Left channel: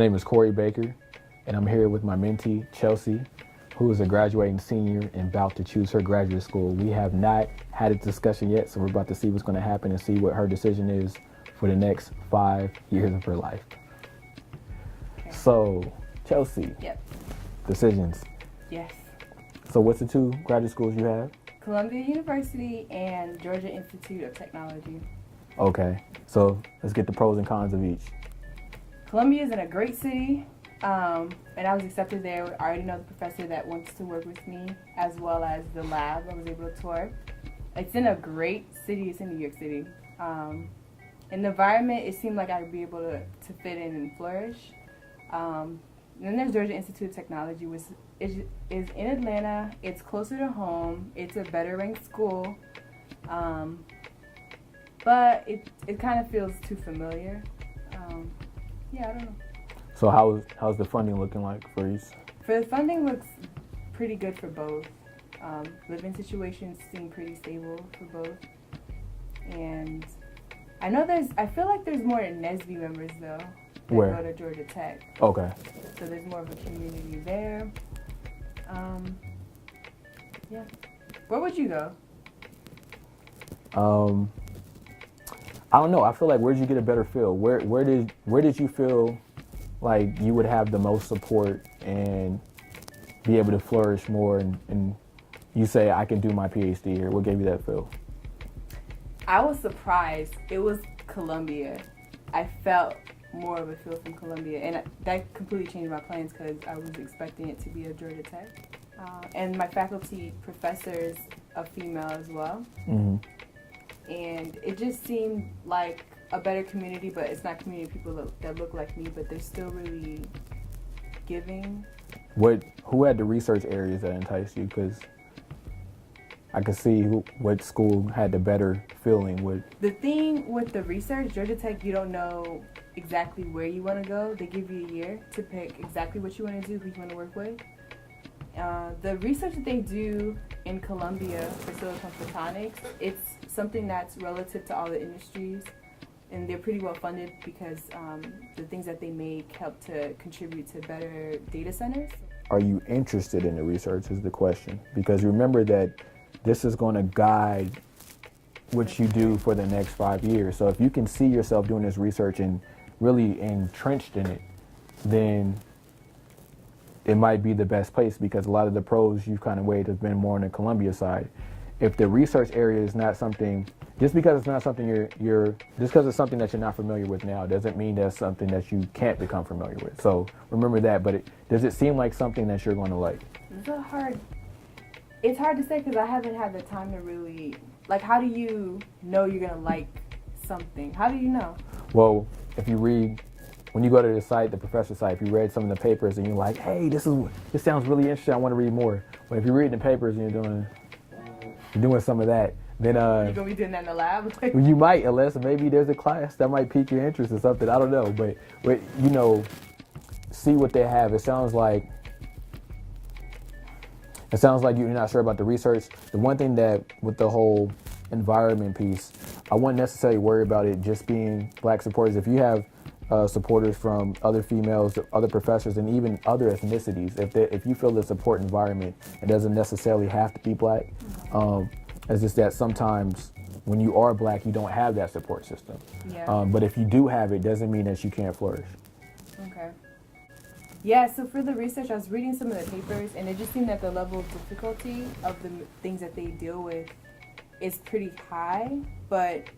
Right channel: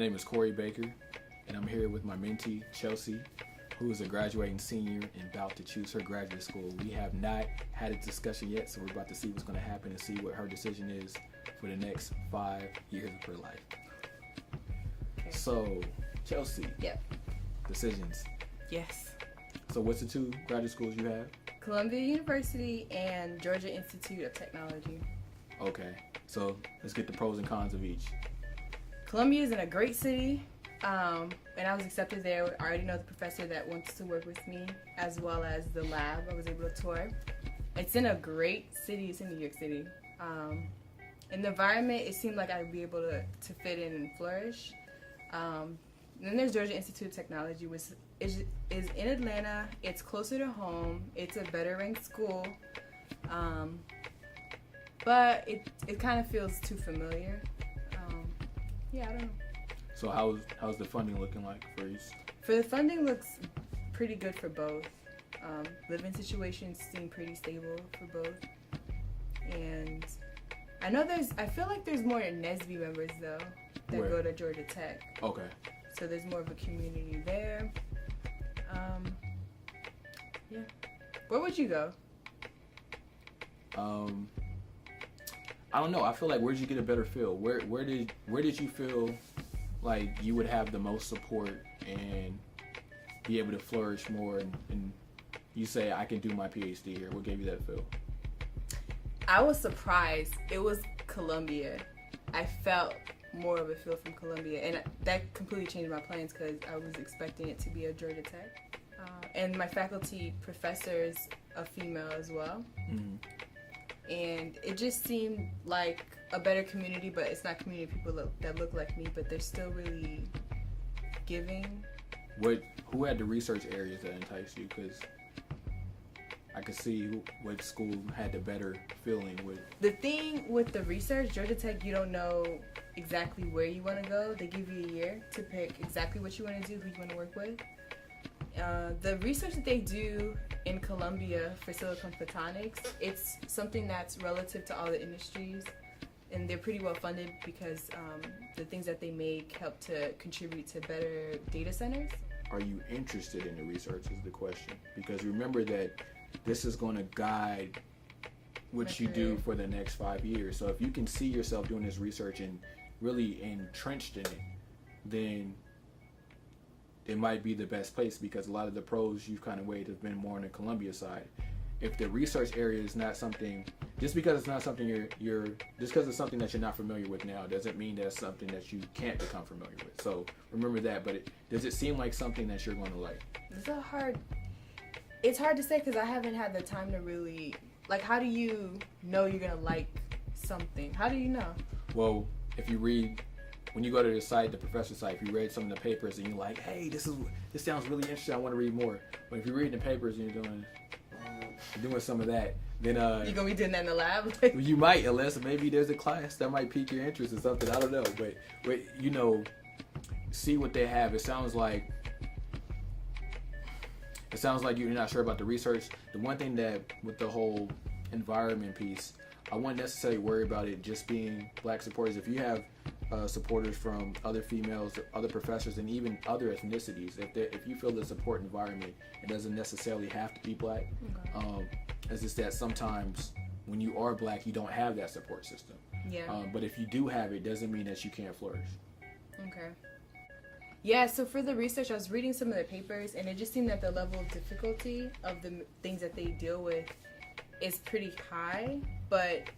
name is Corey Baker, and I'm here with my mentee, Chelsea, who is a graduating senior and about to choose her graduate school. We have not had a discussion yet, so we're about to see what's going to happen and see what her decision is for the next 5 years of her life. So, Chelsea. Yep. Decisions. Yes. So what's the 2 graduate schools you have? Columbia University and Georgia Institute of Technology. Okay, so let's get the pros and cons of each. Columbia is in a great city, and I was accepted there. I already know the professor that wants to work with me, as well as the lab I was able to tour. It's in a great city. It's in New York City. In the environment, it seemed like I'd be able to fit in and flourish. Then there's Georgia Institute of Technology, which is in Atlanta. It's closer to home. It's a better ranked school. But it kind of feels too familiar. Yeah, I don't know. So how's the funding looking like for you? For the funding looks pretty good for both. Living situations seem pretty stable for both. And I feel like there's more NSBE members though that Where? go to Georgia Tech. Okay. So there's more of a community there. Yeah. Where would you go? I don't know. I feel like where'd you get a better feel? Where did you feel like you would have the most support and be able to flourish more? And you say I can do my PhD here. What gave you that feel? I was surprised. It was Columbia. I felt more of a feel from Columbia, and that completely changed my plans because I was expecting it to be a Georgia Tech. And my faculty professor is a female as well. Mm-hmm. And it just seemed like a better community, but it's not community people that look like me, but they're still really giving. Who had the research areas that enticed you? Because I could see what school had the better feeling with. The thing with the research, Georgia Tech, you don't know exactly where you want to go. They give you a year to pick exactly what you want to do, who you want to work with. The research that they do in Columbia for silicon photonics, it's something that's relative to all the industries, and they're pretty well funded because the things that they make help to contribute to better data centers. Are you interested in the research is the question, because remember that this is going to guide what you do for the next 5 years. So if you can see yourself doing this research and really entrenched in it, then it might be the best place, because a lot of the pros you've kind of weighed have been more on the Columbia side. If the research area is not something, just because it's not something just because it's something that you're not familiar with now, doesn't mean that's something that you can't become familiar with. So remember that. But does it seem like something that you're going to like? It's hard to say because I haven't had the time to really, like, how do you know you're going to like something? How do you know? Well, if you read, when you go to the site, the professor's site, if you read some of the papers and you're like, hey, this sounds really interesting, I want to read more. But if you're reading the papers and you're doing some of that, then you gonna be doing that in the lab? You might, unless maybe there's a class that might pique your interest or something. I don't know, but see what they have. It sounds like you're not sure about the research. The one thing that with the whole environment piece, I wouldn't necessarily worry about it just being black supporters. If you have supporters from other females, other professors, and even other ethnicities, if you feel the support environment, it doesn't necessarily have to be black. It's just that sometimes when you are black, you don't have that support system. Yeah. But if you do have it, doesn't mean that you can't flourish. Okay. Yeah, so for the research, I was reading some of the papers, and it just seemed that the level of difficulty of the things that they deal with is pretty high, but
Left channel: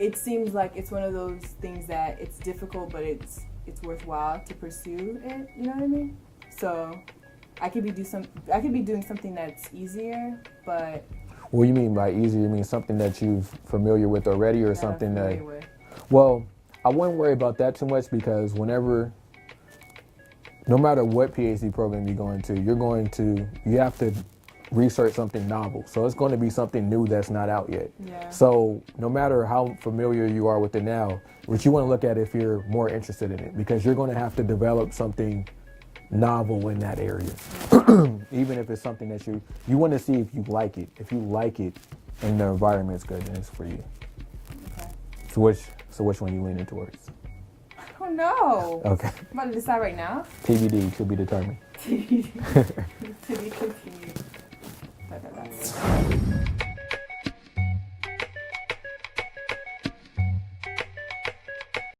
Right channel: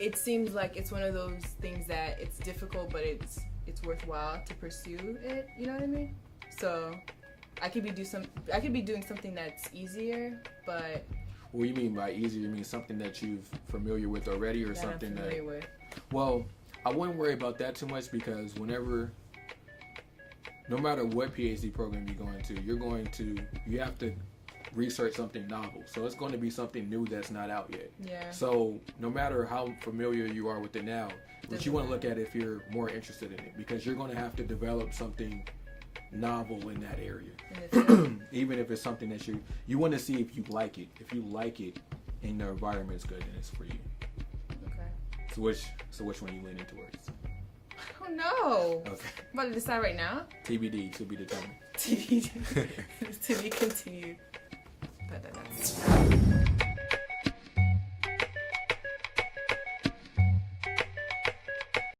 it seems like it's one of those things that it's difficult, but it's worthwhile to pursue it, you know what I mean? So I could be doing something that's easier, but... What do you mean by easier? You mean something that you're familiar with already, or something that... Well, I wouldn't worry about that too much, because no matter what PhD program you go into, you have to research something novel. So it's going to be something new that's not out yet. Yeah. So no matter how familiar you are with it now, what you want to look at if you're more interested in it, because you're going to have to develop something novel in that area. Even if it's something that you want to see if you like it. If you like it and the environment's good, then it's for you. Okay. So which one you leaning towards? I don't know. Okay. I'm about to decide right now. TBD, to be determined. To be continued.